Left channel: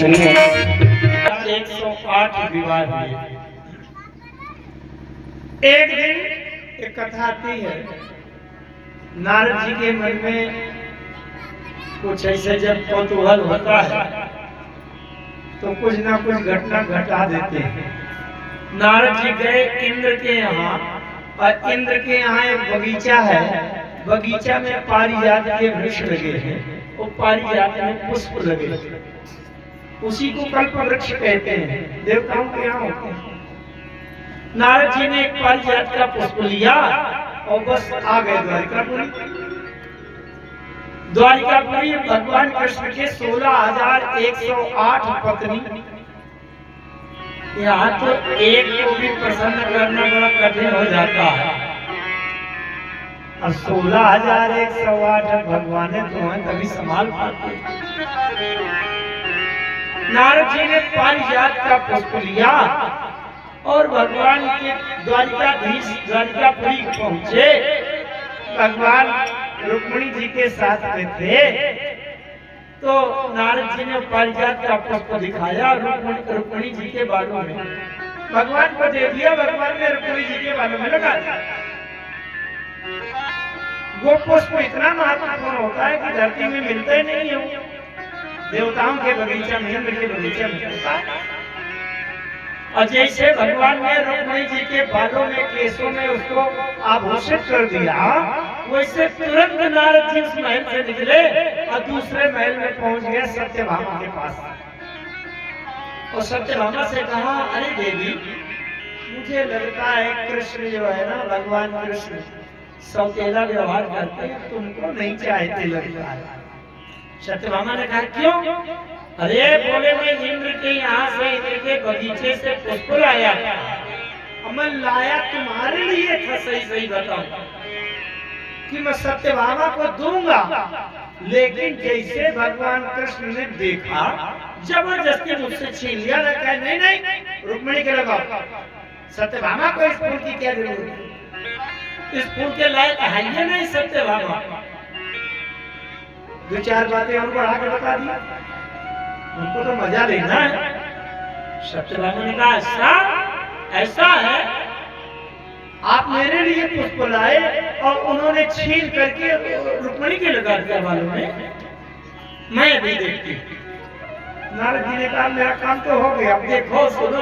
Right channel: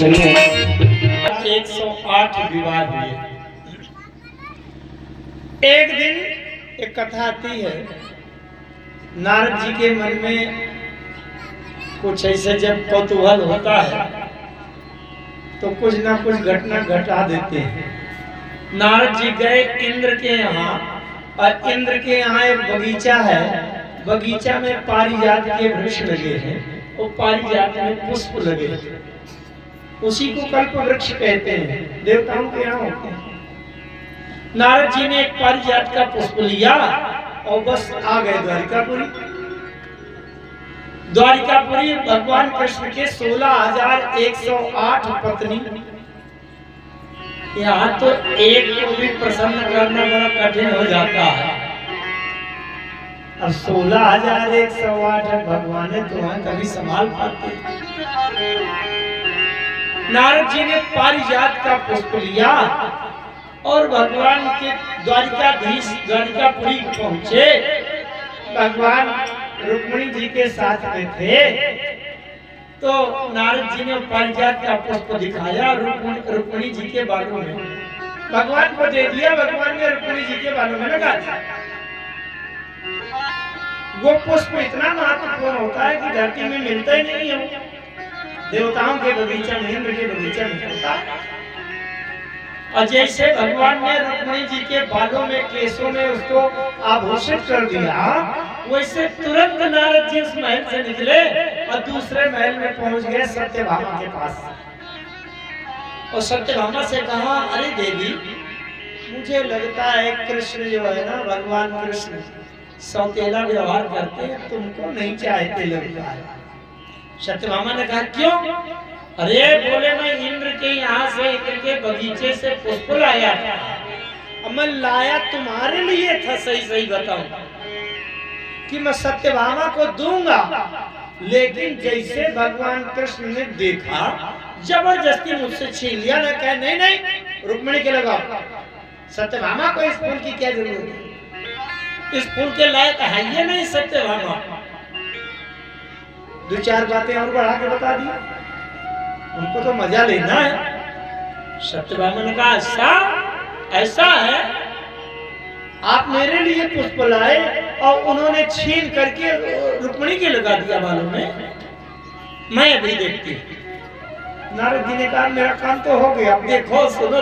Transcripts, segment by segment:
108 विवाह हुए। एक दिन एक कथा आती है, नारद जी के मन में कुछ ऐसे जब कौतूहल होता है तो कुछ ना कुछ घटना घटा देते हैं। नारद जी गए इंद्र के यहाँ, और इंद्र के यहाँ एक बगीचा है, बगीचा में पारिजात के वृक्ष लगे हैं, वो पारिजात में पुष्प लगे हैं, उसी को कल्प वृक्ष कहते हैं, देवताओं के यहाँ होते हैं। नारद जी ने एक पारिजात का पुष्प लिया और बस आ गए द्वारिकापुरी। द्वारिकापुरी भगवान कृष्ण के 16,108 पत्नी, यहाँ तो एक को भी प्रसन्न करना बड़ा कठिन हो जाता है, अब 16,108 भगवान ने तुम्हें कभी संभाल पाते। नारद जी ने पारिजात का पुष्प लिया और भगवान के द्वारिकाधीश द्वारिकापुरी पहुंचे। भगवान रुक्मिणी जी के साथ में थे, तो नारद जी ने पारिजात का पुष्प दिखाया रुक्मिणी जी के बालों में, भगवान को दे दिया, भगवान ने रुक्मिणी जी के बालों में लगा दिया। वो पुष्प इतना महत्वपूर्ण होता है कि धरती में मिलता ही नहीं हो, देवताओं के बगीचा में, इंद्र के बगीचा में मिलता है। और जैसे भगवान ने रुक्मिणी जी के बालों में, केसों में उसको आभूषित कर दिया, वैसे तुरंत नारद जी उस महल से निकले और दूसरे महल में पहुंच गए सत्यभामा के पास। और सत्यभामा से कहा, अरे देवी, मुझे लगता है कृष्ण जो है ना, भगवान कृष्ण सौतेला व्यवहार करते हैं, तुमको नहीं चाहते लगता है। सत्यभामा ने कहा, क्यों? अरे बोले, मैं इंद्र के यहाँ से, इंद्र के बगीचे से पुष्प लाया था, मैं लाया तुम्हारे लिए था, सही सही बताऊं कि मैं सत्यभामा को दूंगा, लेकिन जैसे भगवान कृष्ण ने देखा, जबरदस्ती मुझसे छीन लिया। ना कहे नहीं नहीं रुक्मिणी के लगाओ, सत्यभामा को इस फूल की क्या जरूरत है, इस फूल के लायक है ये नहीं सत्यभामा। दो चार बातें और बढ़ा के बता दी, उनको तो मजा लेना है। सत्यभामा ने कहा, ऐसा है, आप मेरे लिए पुष्प लाए और उन्होंने छीन करके रुक्मिणी के लगा दिया बालों में, मैं भी देखती हूँ। नारद जी ने कहा, मेरा काम तो हो गया, अब देखो सुनो,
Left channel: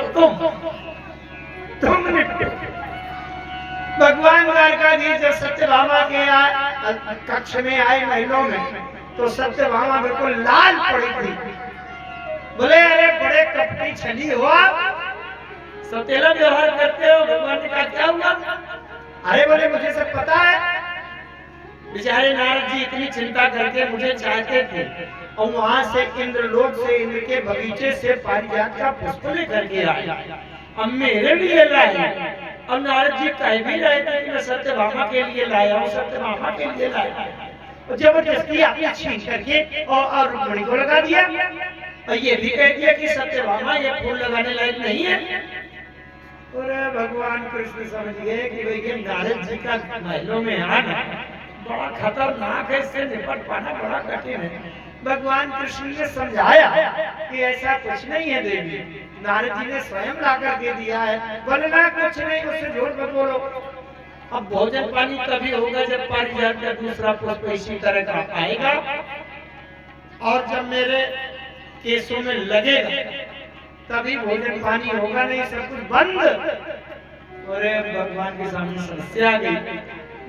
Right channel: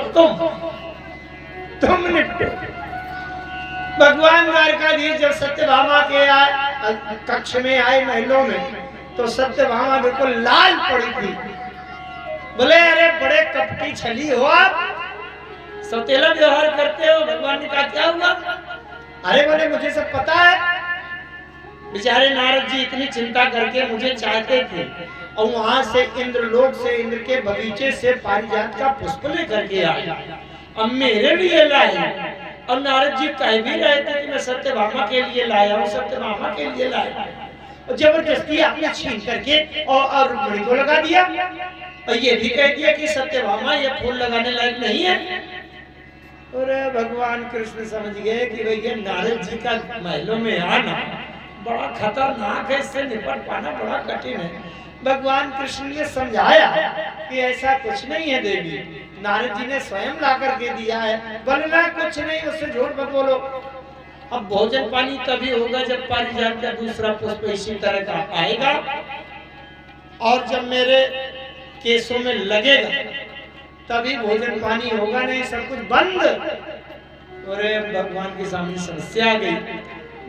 तुम निपटे। भगवान द्वारकाधीश जब सत्यभामा के कक्ष में आए, महलों में, तो सत्यभामा बिल्कुल लाल पड़ी थी। बोले, अरे बड़े कपटी छली हो आप, सौतेला व्यवहार करते हो। भगवान ने कहा, क्या हुआ? अरे बोले, मुझे सब पता है, बेचारे नारद जी इतनी चिंता करके मुझे चाहते थे, और वहां से इंद्रलोक से, इंद्र के बगीचे से पारिजात का पुष्प लेकर के आए, अब मेरे लिए लाए। और नारद जी कह भी रहे थे कि मैं सत्यभामा के लिए लाया हूँ, सत्यभामा के लिए लाया, और जबरदस्ती आपने छीन करके और रुक्मिणी को लगा दिया, और ये भी कह दिया कि सत्यभामा ये फूल लगाने लायक नहीं है। और भगवान कृष्ण समझ गए कि भाई ये नारद जी का महलों में आना बड़ा खतरनाक है, इससे निपट पाना बड़ा कठिन है। भगवान कृष्ण ने समझाया कि ऐसा कुछ नहीं है देवी, नारद जी ने स्वयं ला करके दिया है। बोले, ना कुछ नहीं, उससे झूठ मत बोलो। अब भोजन पानी तभी होगा जब पारिजात का दूसरा पुष्प इसी तरह का आएगा, और जब मेरे केसों में लगेगा तभी भोजन पानी होगा, नहीं सब कुछ बंद। और भगवान के सामने समस्या आ गई।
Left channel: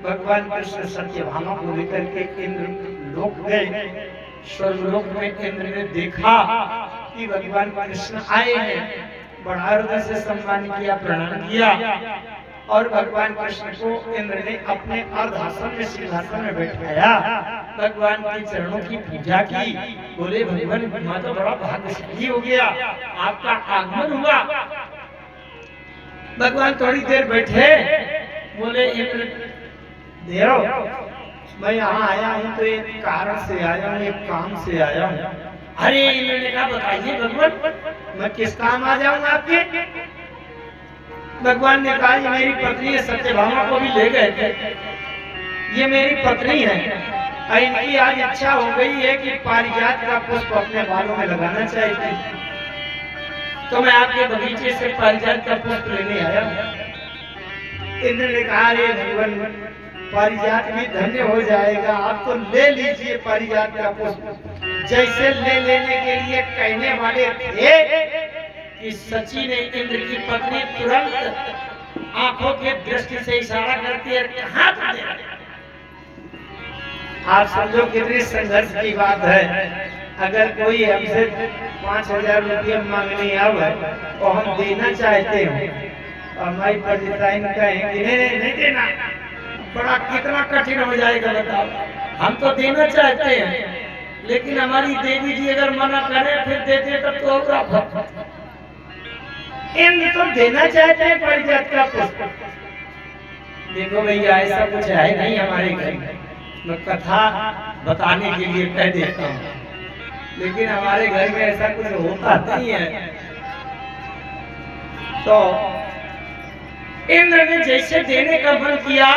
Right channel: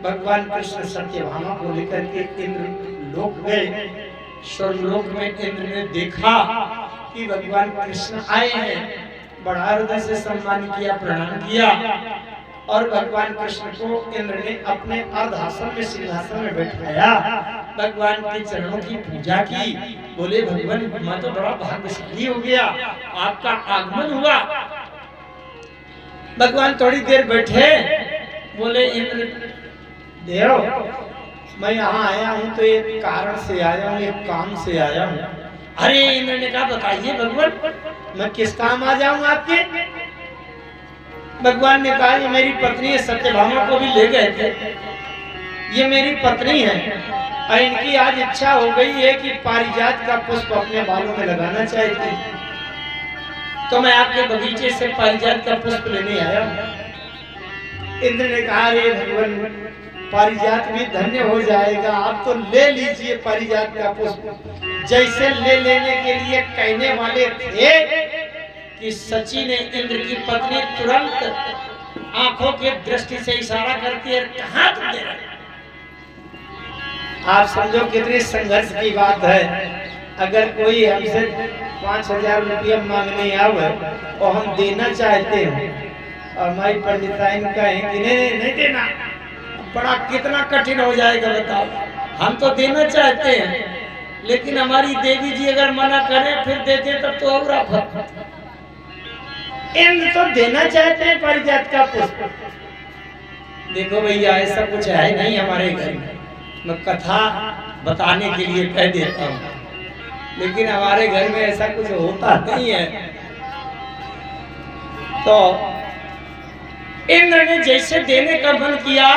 भगवान कृष्ण सत्यभामा को लेकर के इंद्र लोक गए। स्वर्गलोक में इंद्र ने देखा कि भगवान कृष्ण आए हैं, बड़ा हृदय से सम्मान किया, प्रणाम किया, और भगवान कृष्ण को इंद्र ने अपने अर्धासन में, सिंहासन में बैठाया, भगवान के चरणों की पूजा की। बोले, भगवान मैं तो बड़ा भाग्यशाली हो गया, आपका आगमन हुआ। भगवान थोड़ी देर बैठे, बोले, इंद्र देव, मैं यहाँ आया हूँ तो एक कारण से आया हूँ, एक काम से आया हूँ। अरे इंद्र ने कहा, बताइए भगवान, मैं किस काम आ जाऊँ आपके? भगवान ने कहा, ये मेरी पत्नी है, सत्यभामा को भी ले गए थे, ये मेरी पत्नी है, और इनकी आज इच्छा हो गई है कि पारिजात का पुष्प अपने बालों में लगाना चाहती। तो मैं आपके बगीचे से पारिजात का पुष्प लेने आया। इंद्र ने कहा, रे भगवान, पारिजात भी धन्य हो जाएगा, आप तो ले लीजिए पारिजात का पुष्प। जैसे ले लेने के लिए कहने वाले थे कि सची ने इंद्र की पत्नी तुरंत आंखों के दृष्टि से इशारा करती है, कहां तुम दे रहे? आप समझो कितनी संघर्ष की बात है। अगर कोई हमसे 5,000 रुपया मांगने आवे और हम देना चाहते हैं और हमारी पंडिताइन कहें कि नहीं देना, बड़ा कितना कठिन हो जाएगा बताओ। हम तो देना चाहते हैं, लेकिन हमारी देवी जी अगर मना करे फिर देते तब तो और आफत। इंद्र तो देना चाहते हैं पारिजात का पुष्प। देखो भैया, ऐसा कुछ है नहीं हमारे घर में। मैं कथा बताने के लिए कह देता हूँ, लेकिन हमारे घर में ऐसा कुछ होता नहीं है। तो इंद्र ने जैसे देने का मन किया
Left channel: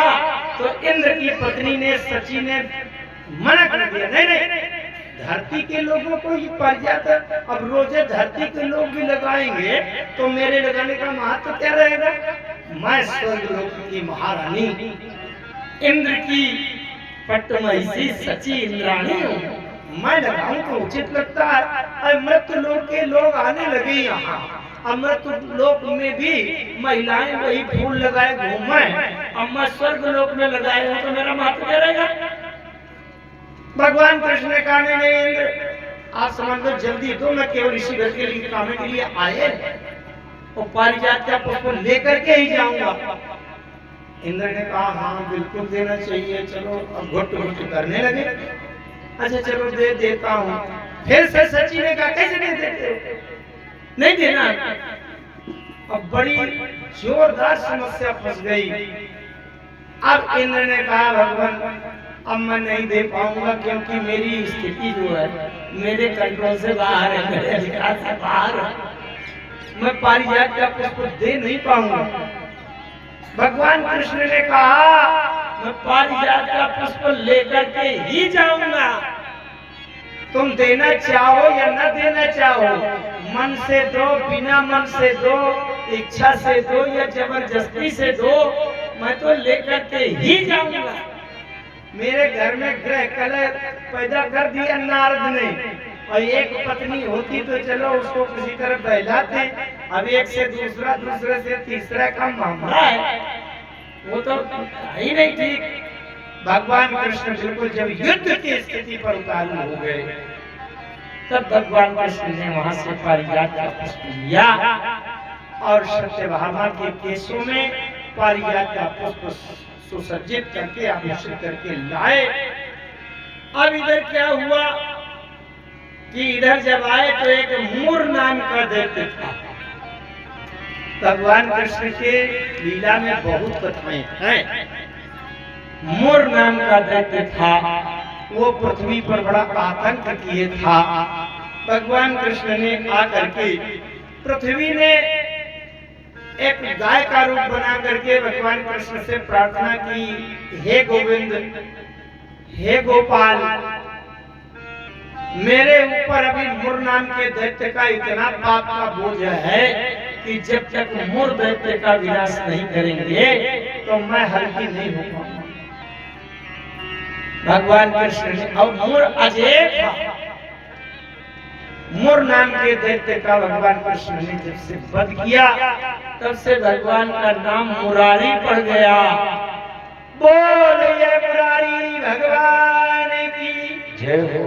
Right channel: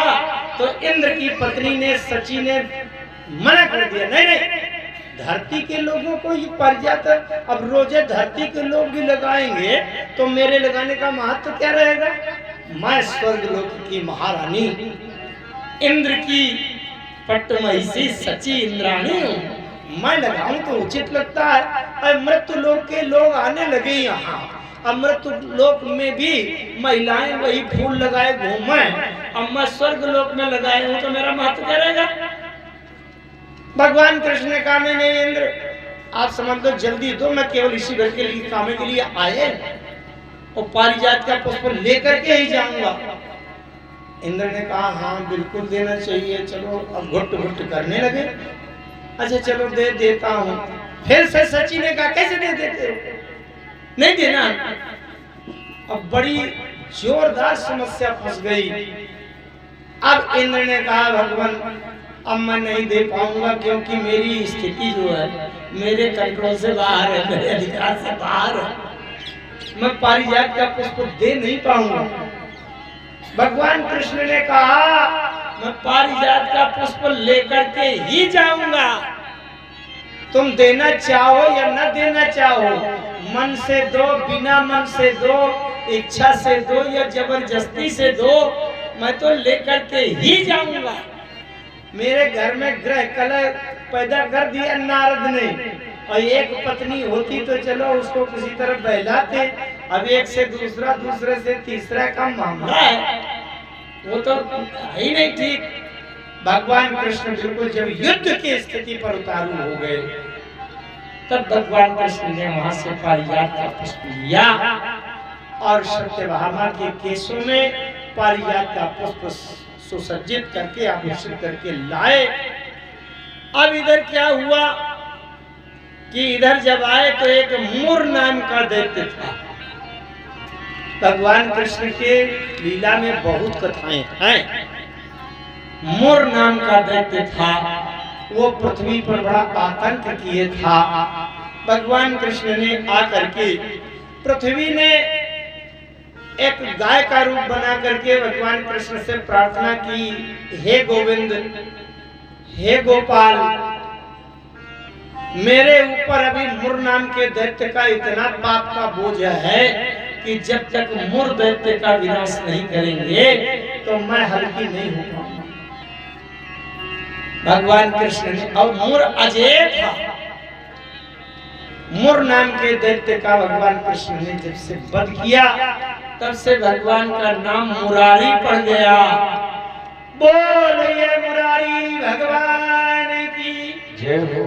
तो इंद्र की पत्नी ने सची ने मना कर दिया, नहीं, धरती के लोगों को ये पारिजात, अब रोजे धरती के लोग भी लगाएंगे तो मेरे लगाने का महत्व क्या रहेगा? मैं स्वर्ग लोक की महारानी इंद्र की पट्टमहिषी सची इंद्राणी हूँ, मैं लगाऊं तो उचित लगता है। मृत्यु लोक के लोग आने लगे यहाँ, अमृत लोक में भी महिलाएं वही फूल लगाए घूमे, अब मैं स्वर्ग लोक में लगाए हूँ तो मेरा महत्व क्या रहेगा? भगवान कृष्ण ने कहा, नहीं इंद्र, आप समझ लो, जल्दी दो, मैं केवल इसी घर के लिए काम के लिए आए और पारिजात का पुष्प लेकर के ही जाऊंगा। इंद्र ने कहा, हाँ बिल्कुल देना चाहिए, चलो। अब घुट घुट करने लगे। अच्छा चलो दे देता हूँ। फिर से सची ने कहा, कैसे दे देते हो? नहीं देना। अब बड़ी जोरदार समस्या फंस गई। अब इंद्र ने कहा, भगवान अब मैं नहीं दे पाऊंगा, क्योंकि मेरी स्थिति जो है मेरे कंट्रोल से बाहर है, मेरे अधिकार से बाहर है, मैं पारिजात का पुष्प दे नहीं पाऊंगा। भगवान कृष्ण ने कहा, मैं पारिजात का पुष्प लेकर के ही जाऊंगा, तुम देना चाहो या न देना चाहो, मन से दो, बिना मन से दो, इच्छा से दो या जबरदस्ती से दो, मैं तो लेकर के ही जाऊंगा। मेरे घर में ग्रह कलह पैदा कर दिया नारद ने, और एक पत्नी होती तो चलो उसको किसी तरह बहलाते, अब एक से दूसरा, दूसरे से तीसरा का मामला है, वो तो ही नहीं ठीक। भगवान कृष्ण बिल्कुल जब युद्ध की स्थिति पर उतारू हो गए, तब भगवान कृष्ण ने वहां से पारिजात का पुष्प लिया और सत्यभामा के केशों में पारिजात का पुष्प सुसज्जित करके आभूषित करके लाए। अब इधर क्या हुआ कि इधर जब आए तो एक मुर नाम का दैत्य था। भगवान कृष्ण के लीला में बहुत कथाएं हैं। मुर नाम का दैत्य था, वो पृथ्वी पर बड़ा आतंक किए था। भगवान कृष्ण ने आकर के पृथ्वी ने एक गाय का रूप बना करके भगवान कृष्ण से प्रार्थना की, हे गोविंद, हे गोपाल, मेरे ऊपर अभी मुर नाम के दैत्य का इतना पाप का बोझ है कि जब तक मुर दैत्य का विनाश नहीं करेंगे तो मैं हल्की नहीं हो पाऊंगा। भगवान कृष्ण ने, और मुर अजय था, मुर नाम के दैत्य का भगवान कृष्ण ने जब से वध किया तब से भगवान का नाम मुरारी पड़ गया। बोलिए मुरारी भगवान की जय हो।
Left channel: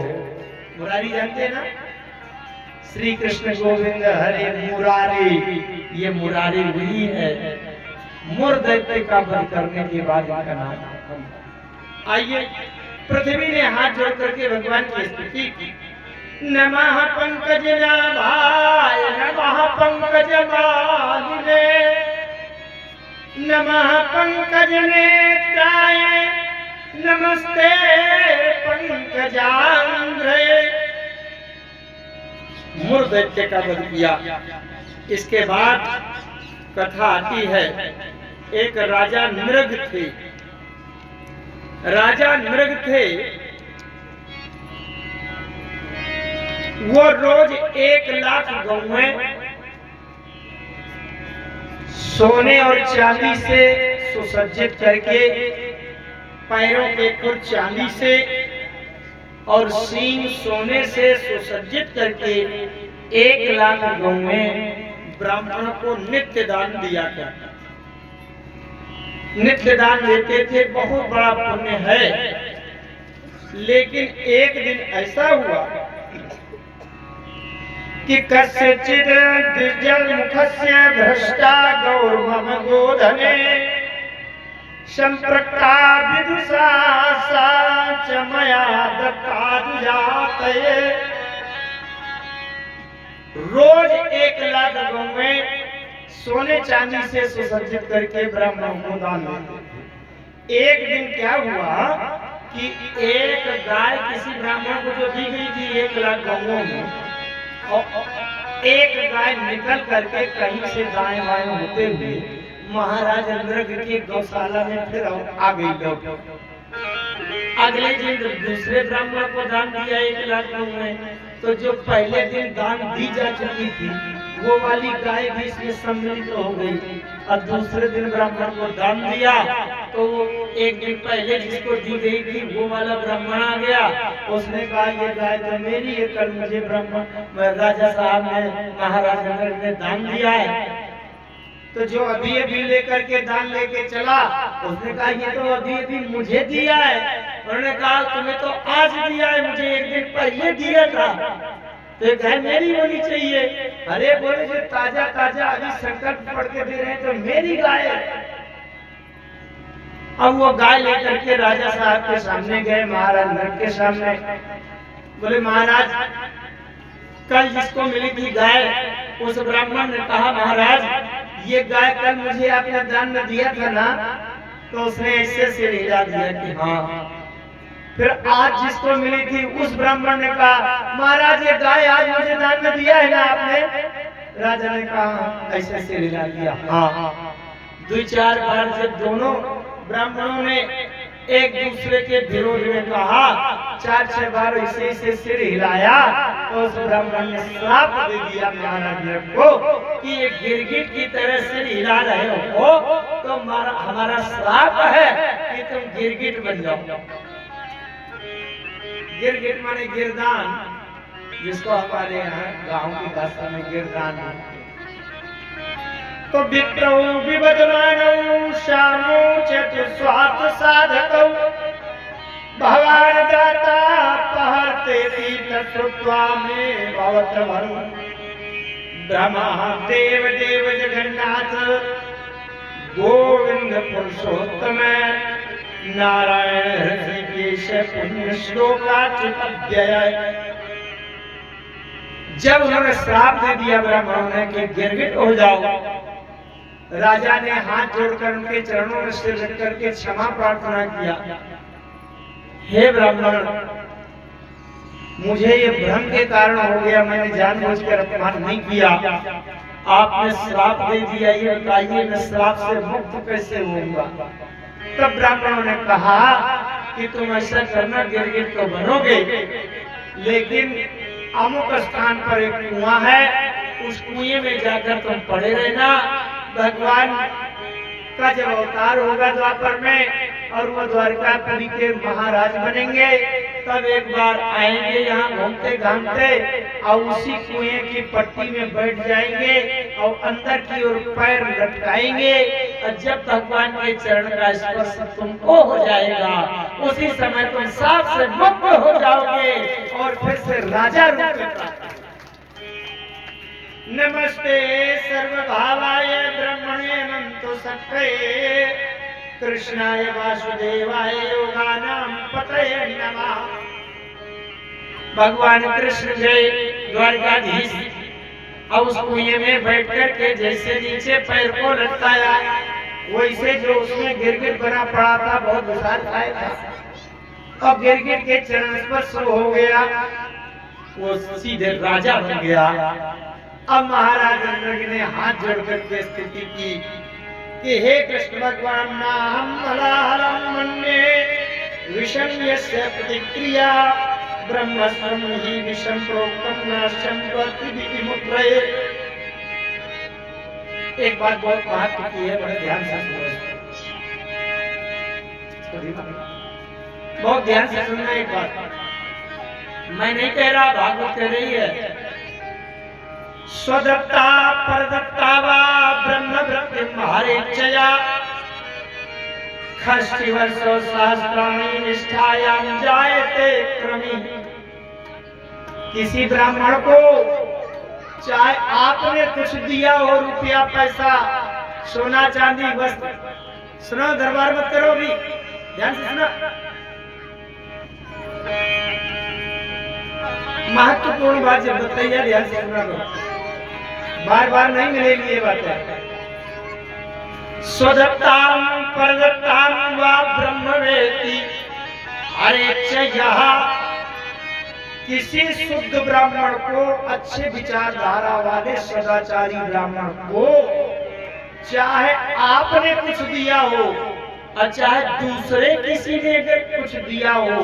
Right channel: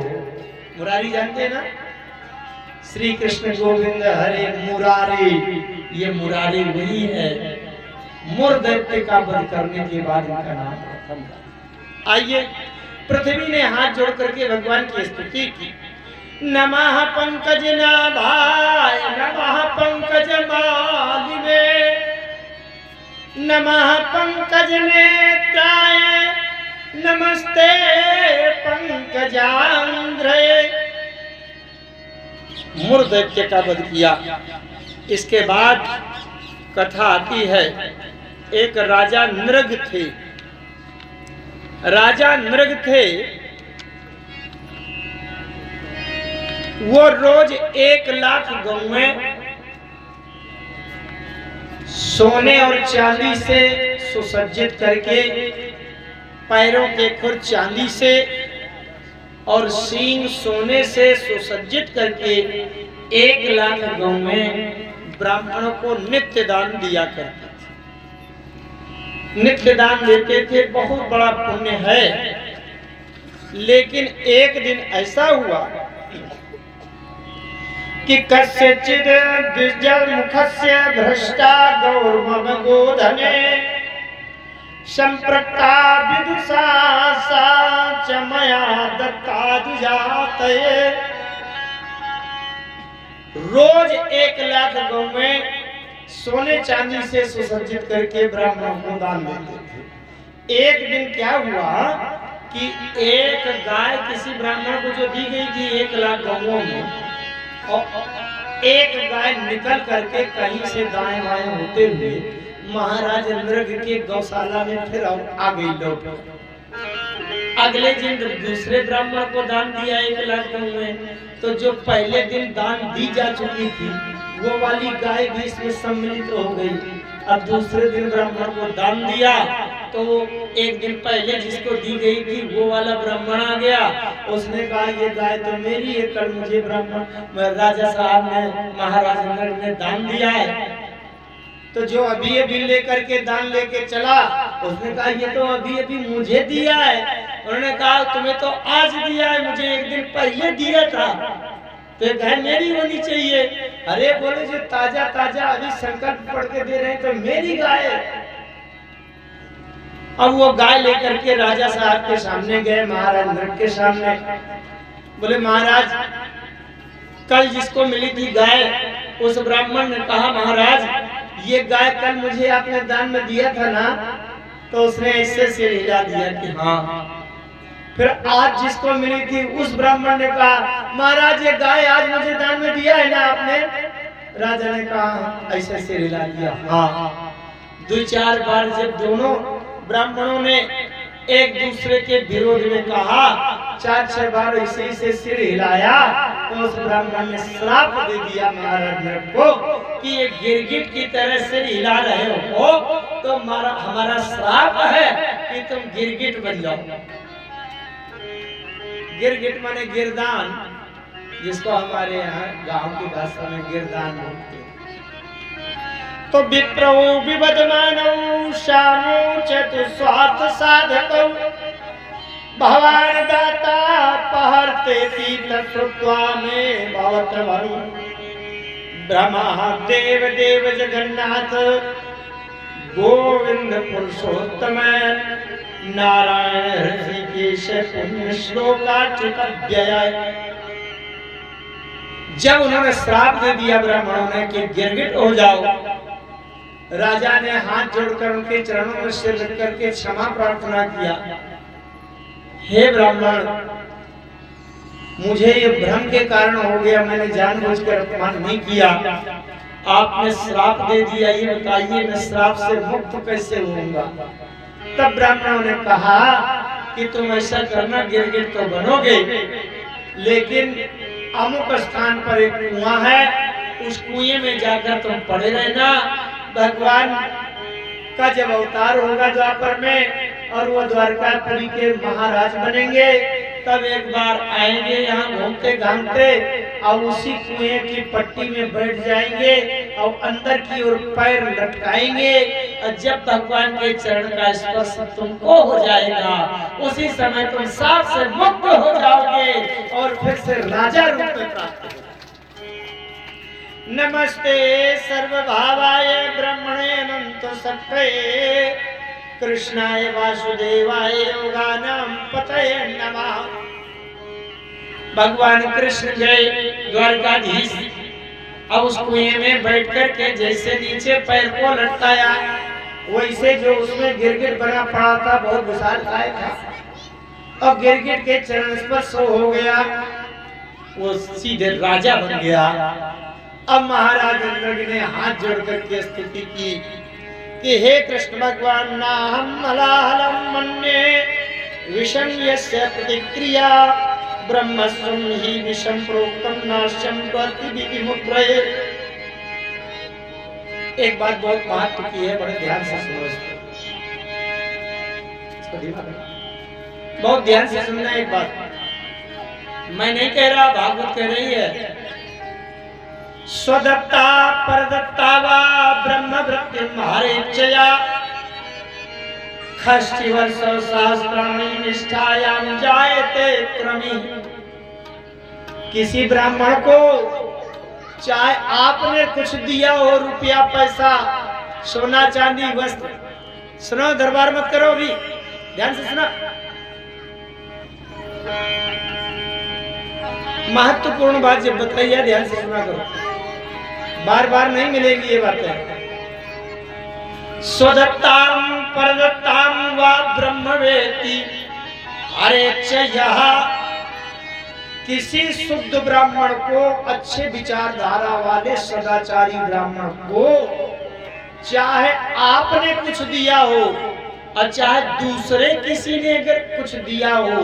मुरारी जानते हैं ना? श्री कृष्ण गोविंद हरे मुरारी, ये मुरारी वही है। मुर दैत्य का वध करने के बाद इनका नाम रखा। आइए, पृथ्वी ने हाथ जोड़ करके भगवान की स्तुति की। नमः पंकज नाभाय, नमः पंकज मालिने, नमः पंकज नेत्राय, नमस्ते पंकजांध्रे। मुर दैत्य का वध किया। इसके बाद कथा आती है, एक राजा नृग थे। राजा नृग थे, वो रोज 1,00,000 गौएं सोने और चांदी से सुसज्जित करके, पैरों के खुर चांदी से और सींग सोने से सुसज्जित करके 1,00,000 गौएं ब्राह्मणों को नित्य दान दिया करते थे। नित्य दान देते थे, बहुत बड़ा पुण्य है। लेकिन एक दिन ऐसा हुआ कि कस्यचित् द्विजल मुखस्य भ्रष्टा गौर्मम गोधने संप्रक्ता विदुषा सा च मया दत्ता दुजातये। रोज 1,00,000 गौएं सोने चांदी से सुसज्जित करके ब्राह्मणों को दान देते थे। एक दिन क्या हुआ कि एक गाय किसी ब्राह्मण को जो दी गई थी 1,00,000 गौओं में, और एक गाय निकल करके कहीं से दाएं बाएं होते हुए महाराज इंद्रगिरि के गौशाला में फिर आ गई लौट। अगले दिन दूसरे ब्राह्मण को दान दिया 1,00,000 गौएं, तो जो पहले दिन दान दी जा चुकी थी वो वाली गाय भी इसमें सम्मिलित हो गई। अब दूसरे दिन ब्राह्मण को दान दिया तो एक दिन पहले जिसको दी गई थी वो वाला ब्राह्मण आ गया। उसने कहा ये गाय तो मेरी है, कल मुझे ब्राह्मण राजा साहब ने महाराज ने दान दिया है। तो जो अभी अभी लेकर के दान लेके चला, उसने कहा ये तो अभी अभी मुझे दिया है। उन्होंने कहा तुम्हें तो आज दिया है, मुझे एक दिन पहले दिया था, तो गाय मेरी होनी चाहिए। अरे बोले जो ताजा ताजा अभी संकल्प पढ़ के दे रहे हैं तो मेरी गाय। अब वो गाय लेकर के राजा साहब के सामने गए, महाराज नर के सामने। बोले महाराज कल जिसको मिली थी गाय, उस ब्राह्मण ने कहा महाराज ये गाय कल मुझे आपने दान में दिया था ना, तो उसने ऐसे सिर हिला दिया कि हाँ। फिर आज जिसको मिली थी उस ब्राह्मण ने कहा महाराज ये गाय आज मुझे दान में दिया है ना आपने? राजा ने कहा ऐसे सिर हिला दिया हाँ। 2-4 बार जब दोनों ब्राह्मणों ने एक दूसरे के विरोध में कहा, 4-6 बार इसी से सिर हिलाया, तो उस ब्राह्मण ने श्राप दे दिया महाराज को कि ये गिरगिट की तरह सिर हिला रहे हो तो हमारा श्राप है कि तुम गिरगिट बन जाओ। गिरगिट माने गिरदान, जिसको हमारे यहाँ गांव की भाषा में गिरदान बोलते हैं। तो विप्रो विवदमानौ श्यामो चतुस्वार्थ साधकौ भवान दाता पहरते तीर्थकृत्वा में भवत्र भरु ब्रह्मा देव देव जगन्नाथ गोविंद पुरुषोत्तम नारायण हृषिकेश पुण्य श्लोकाच्युतव्यय। जब उन्होंने श्राप दे दिया ब्राह्मणों ने कि गिरगिट हो जाओ, राजा ने हाथ जोड़कर उनके चरणों में सिर रख करके क्षमा प्रार्थना किया। हे ब्राह्मण मुझे ये भ्रम के कारण हो गया, मैंने जानबूझकर अपमान नहीं किया, आपने श्राप दे दिया, ये बताइए मैं श्राप से मुक्त कैसे होऊंगा? तब ब्राह्मणों ने कहा कि तुम ऐसा करना, गिरगिट तो बनोगे लेकिन अमुक स्थान पर एक कुआं है, उस कुएं में जाकर तुम पड़े रहना। भगवान का जब अवतार होगा द्वापर में और वो द्वारकापुरी के महाराज बनेंगे, तब एक बार आएंगे यहाँ घूमते घामते और उसी कुएं की पट्टी में बैठ जाएंगे और अंदर की ओर पैर लटकाएंगे, और जब भगवान के चरण का स्पर्श तुमको हो जाएगा उसी समय तुम साफ से मुक्त हो जाओगे और फिर से राजा रूप में प्राप्त। नमस्ते सर्वभावाय ब्रह्मणे अनंत सत्त्वे कृष्णाय वासुदेवाय योगानां पतये नमः। भगवान कृष्ण गए द्वारकाधीश, अब उस कुएं में बैठ कर के जैसे नीचे पैर को लटकाया, वैसे जो उसमें गिरगिट बना पड़ा था, बहुत विशालकाय था, अब गिरगिट के चरण स्पर्श हो गया, वो सीधे राजा बन गया। अब महाराज इंद्रगिरि ने हाथ जोड़कर के स्तुति की कि हे कृष्ण भगवान नाहं हलाहलं मन्ये विषम यस्य प्रतिक्रिया ब्रह्मस्वं हि विषम प्रोक्तम नाश्यम प्रति विमुद्रये। एक बात बहुत महत्व की है, बड़े ध्यान से सुनो इसको, बहुत ध्यान से सुनना। एक बात मैं नहीं कह रहा, भागवत कह रही है। स्वदत्ता परदत्ता वा ब्रह्म वृत्तिम हरेच्छया षष्ठी वर्षो सहस्राणि निष्ठायाम जायते क्रमी। किसी ब्राह्मण को चाहे आपने कुछ दिया हो, रुपया पैसा सोना चांदी वस्त्र, सुनो दरबार मत करो, अभी ध्यान से सुना, महत्वपूर्ण बात जब बताइए ध्यान से सुना करो, बार बार नहीं मिलेगी ये बातें। स्वदत्ताम परदत्ताम वा ब्रह्मवेति हरेच्छया। किसी शुद्ध ब्राह्मण को, अच्छे विचारधारा वाले सदाचारी ब्राह्मण को, चाहे आपने कुछ दिया हो और चाहे दूसरे किसी ने अगर कुछ दिया हो,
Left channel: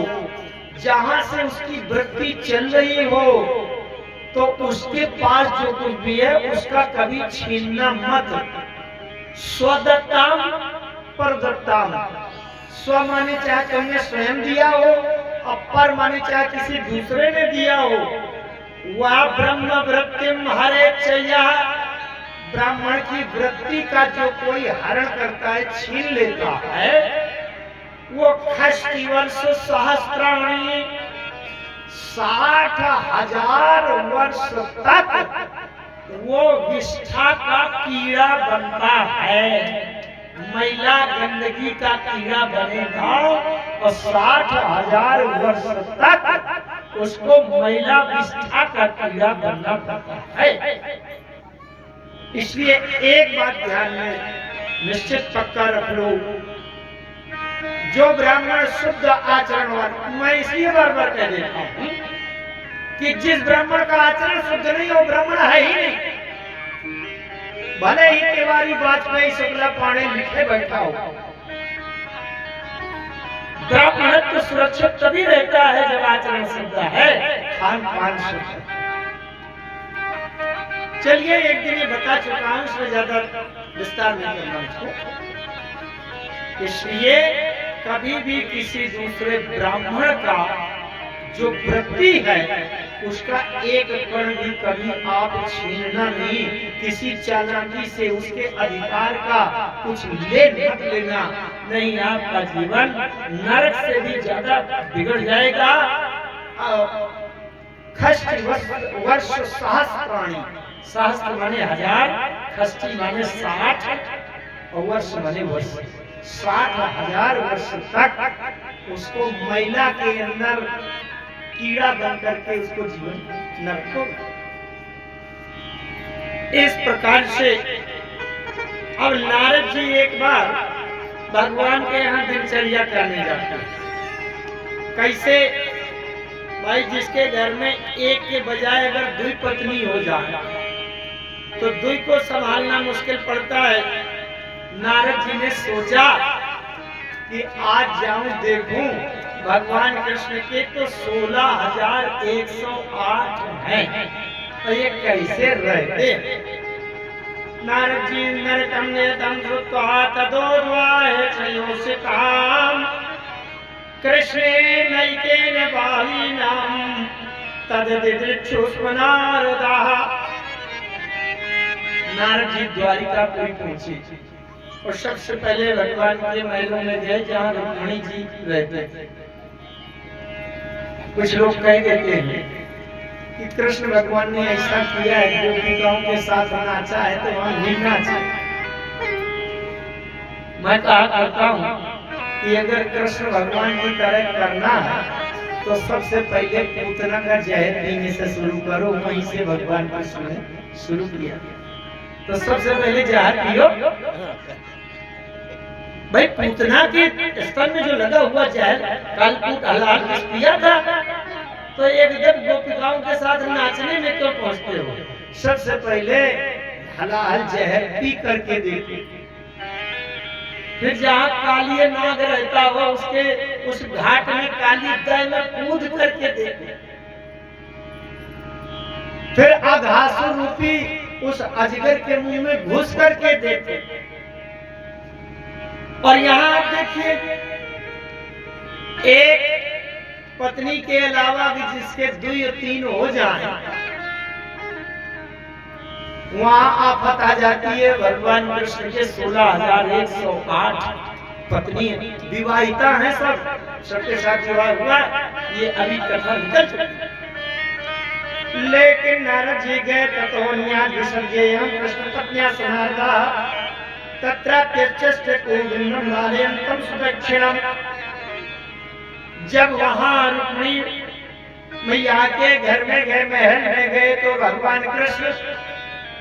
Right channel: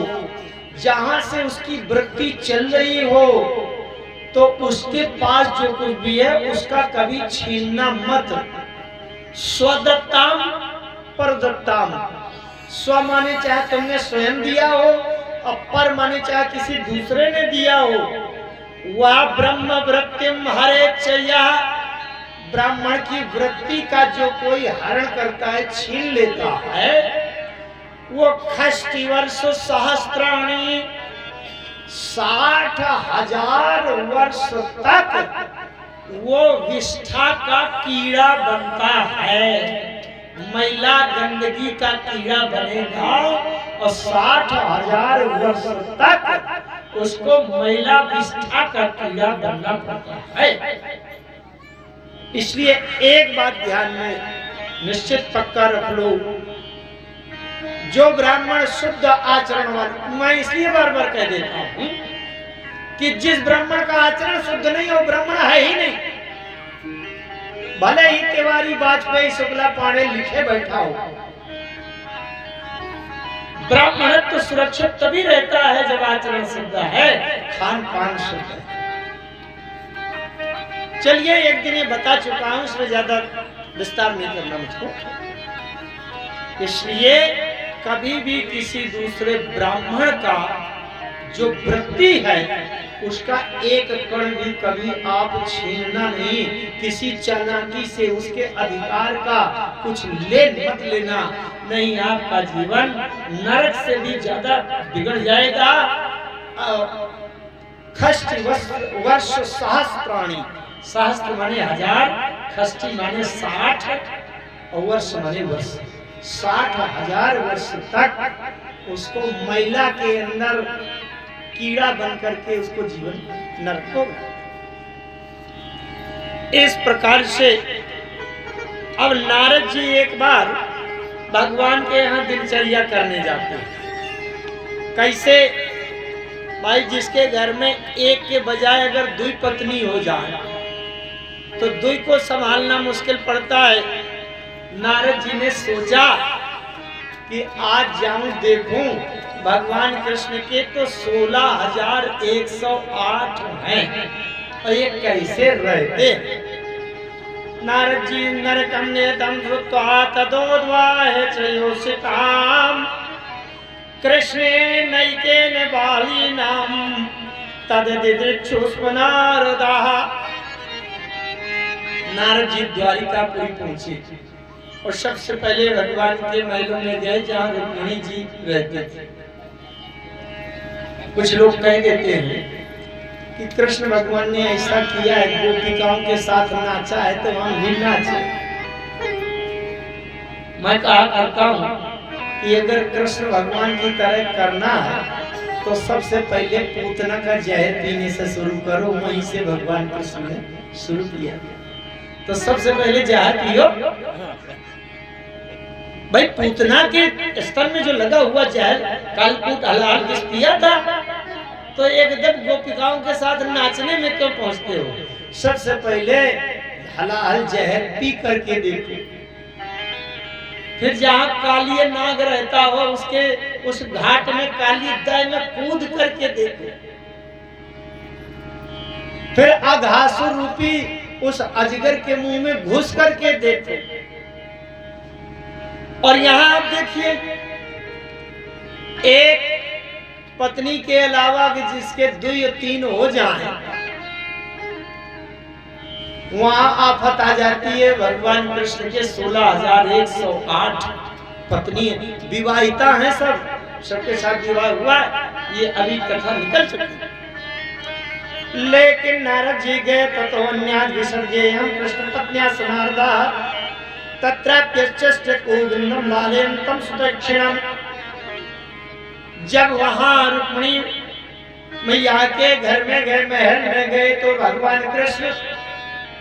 जहां से उसकी वृत्ति चल रही हो, तो उसके पास जो कुछ भी है उसका कभी छीनना मत। स्वदत्ताम परदत्ताम, स्व माने चाहे तुमने स्वयं दिया हो, और पर माने चाहे किसी दूसरे ने दिया हो। वह ब्रह्म वृत्तिम हरेच्छया, ब्राह्मण की वृत्ति का जो कोई हरण करता है, छीन लेता है, वो षष्ठी वर्ष सहस्त्राणि 60,000 वर्ष तक वो विष्ठा का कीड़ा बनता है। मैला गंदगी का कीड़ा बनेगा और 60,000 वर्ष तक उसको मैला विष्ठा का कीड़ा बनना पड़ता है। इसलिए एक बात ध्यान में निश्चित पक्का रख लो, जो ब्राह्मण शुद्ध आचरण वाला, मैं इसलिए बार बार कह देता हूं कि जिस ब्राह्मण का आचरण शुद्ध नहीं हो, ब्राह्मण है ही नहीं। भले ही तिवारी वाजपेयी शुक्ला पाणे लिखे बैठा हो, ब्राह्मणत्व तो सुरक्षित तभी रहता है जब आचरण शुद्ध है, खान पान शुद्ध है। चलिए एक दिन ये बता चुका हूं, इसमें ज्यादा विस्तार नहीं करना मुझको। इसलिए कभी भी किसी दूसरे ब्राह्मण का जो वृत्ति है उसका एक कण भी कभी आप छीनना नहीं। किसी चालाकी से उसके अधिकार का कुछ ले मत लेना, नहीं आपका जीवन नरक से भी ज्यादा बिगड़ जाएगा। षष्ठी वर्ष सहस्त्राणि, सहस्त्र माने 1000, षष्ठी माने 60 और वर्ष माने वर्ष। 60,000 वर्ष तक उसको मैला के अंदर कीड़ा बन करके उसको जीवन नरक होगा। इस प्रकार से अब नारद जी एक बार भगवान के यहाँ दिनचर्या करने जाते हैं। कैसे भाई, जिसके घर में एक के बजाय अगर 2 पत्नी हो जाए तो 2 को संभालना मुश्किल पड़ता है। नारद जी ने सोचा कि आज जाऊं देखूं, भगवान कृष्ण के तो 16,108 हैं और ये कैसे रहते। नारद जी नरकम नेतम श्रुत्वा तदोद्वाहे चयोषिताम कृष्णे नैकेन बालीनाम तददिदृक्षुस्म नारदाः। नारद जी द्वारिकापुरी पहुंचे और सबसे पहले भगवान के महलों में गए जहाँ रुक्मिणी जी रहते थे। कुछ लोग कह देते हैं कि कृष्ण भगवान ने ऐसा किया है, गोपिकाओं के साथ नाचा है तो हम भी नाचे। मैं कहा करता हूँ कि अगर कृष्ण भगवान की तरह करना है तो सबसे पहले पूतना का जहर पीने से शुरू करो। वहीं से भगवान कृष्ण ने शुरू किया, तो सबसे पहले जहर पियो भाई। पूतना के स्तन में जो लगा हुआ जहर कालकूट हलाल पिया था, तो एकदम गोपिकाओं के साथ नाचने में क्यों पहुंचते हो? सबसे पहले हलाल जहर पी करके देखो, फिर जहाँ कालिया नाग रहता हो उसके उस घाट में काली दय में कूद करके देखो, फिर अघासुर रूपी उस अजगर के मुंह में घुस करके देखो। और यहां आप देखिए, एक पत्नी के अलावा भी जिसके 2 या 3 हो जाएं, वहां आफत आ जाती है। भगवान कृष्ण के 16,108 पत्नी विवाहिता हैं, सबके साथ विवाह हुआ, ये अभी कथा निकल चुकी। लेकिन नारद जी गए ततोन्याद विसर्जेयं कृष्ण पत्न्या समार्दा तत्राप्यश्च गोविंदम बालेन तम सुदक्षिणम। जब वहां रुक्मिणी मैया के घर में गए, महल में गए, तो भगवान कृष्ण